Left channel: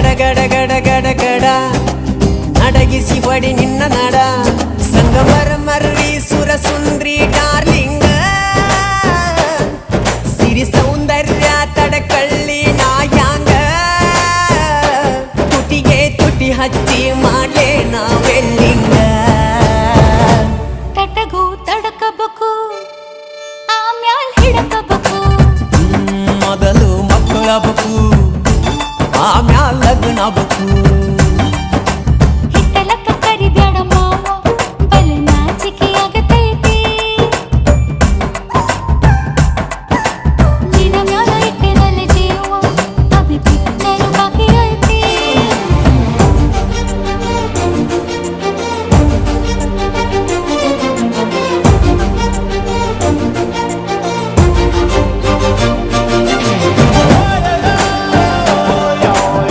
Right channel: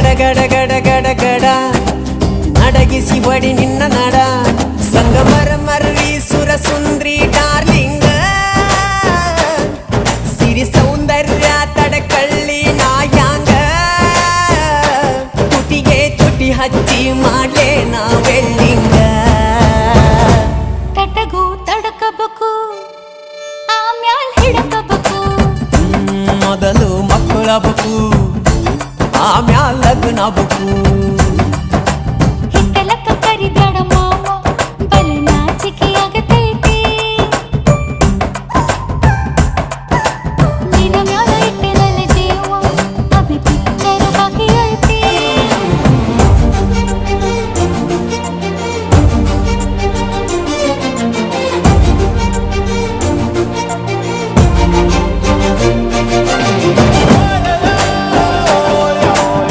ಗಡ ಗಡ ಗಡ ಗಡ ನಡಗಿಸಿ ಬಡಿ ನಿನ್ನ ನಡ ಸಂಗಮರ ಮರ್ರಿ ಸುರ ಸುಂದ್ರಿ ಡಾರ್ಲಿಂಗ ಸಿರಿ ಸೌಂದರ್ಯ ತಡಕಳ್ಳಿ ನಾಯಾಂಗ ತುಟಿಗೆ ತುಟಿ ಹಚ್ಚಿ ಮಾಡ್ಲೇ ನಾ ವೆಲ್ಡಿಂಗ ತಟಗೂ ತಡಕಬೇಕು ಆಮ್ಯಾಲ್ ಹಿಡಕಬೇಕು ಮೊದಲು ಮಕ್ಕಳಬೇಕು ಆಮ್ಯಾಲ್ ಲಗ್ನಬೇಕು ಹಿಟ್ಟಲಕ್ಕ ಕರಿಬ್ಯಾಡ